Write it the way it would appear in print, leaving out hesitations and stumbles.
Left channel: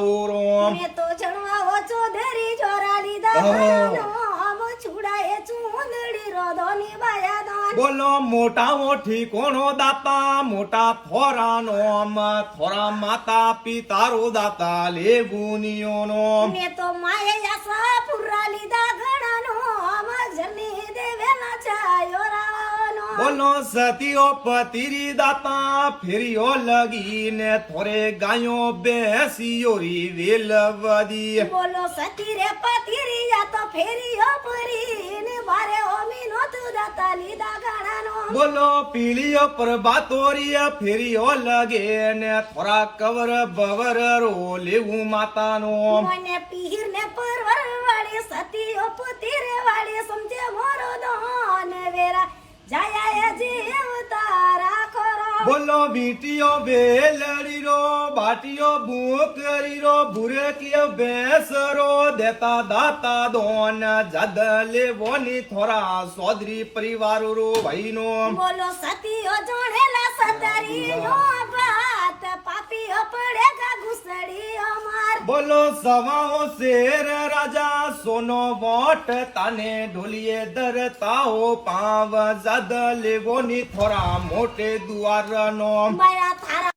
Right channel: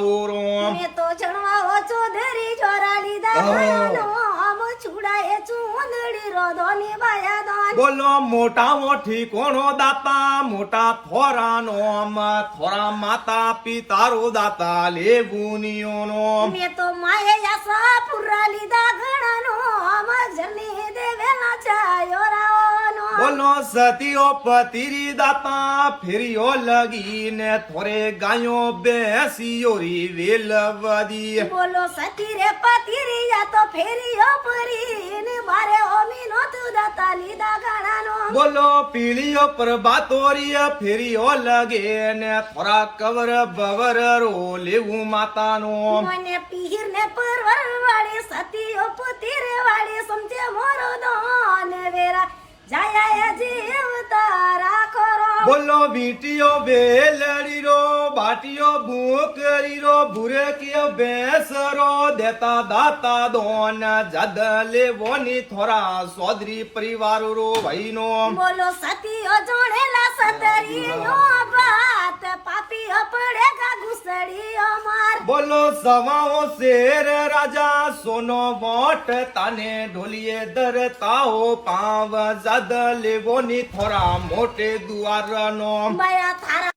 મેં તો જણવા ચોધરી જોરા લીધા ઘણાનો આમ છુડાએ ચૂંદડી રોધોની બાયાદાન બોલો મોટા મોઠી કોણો દાતા મોટા થોરાનો આમ થોરા માતા પિતારો દાતા લેવુનિયોનો મેં તો માએ યાસા પુરા લીધા ઘણાનો આમ જની દેવેલા ચાયો રાવાનો બોલો સતીઓ પતિરી દાતા ફેરીઓ લગીને થોરે ગાયો બેસીયોરી વેલવદી બોલો સતી રે પતિરી યા તો ફેરીઓ પરીને બારે ઓમી નો તું દાતા લીધા ઘણાનો બોલો પીળીઓ પ્રભાતોરીય ફેરીઓ લગે ને થોરા કવર બવર રો લેવું માતાનો મને પીર ને પરવર વાળી સતીઓ પુતીર વાળી સમજે મોરો દોન વેરા જાયા જીવ તારા ખરો બોલો બીટીઓ બેલડી રો બાટીઓ ભૂકરી રો ભૂરે કે બેસરો દેતા દાતા દોન જદ લેવોની થોરા સોદરી પરિવાર રો ભાઈનો બોલો સતીઓ જોડેલા સતરી નો બાત પાપીઓ પડેગા ઘુસડી અમાર બોલો સવાઓ શેર રાજા સોનો વોટ તાને ઢોલીએ દરતાઓ પાવ જદ લેવોની થોરા મોટે દુઆરનો બયા થારા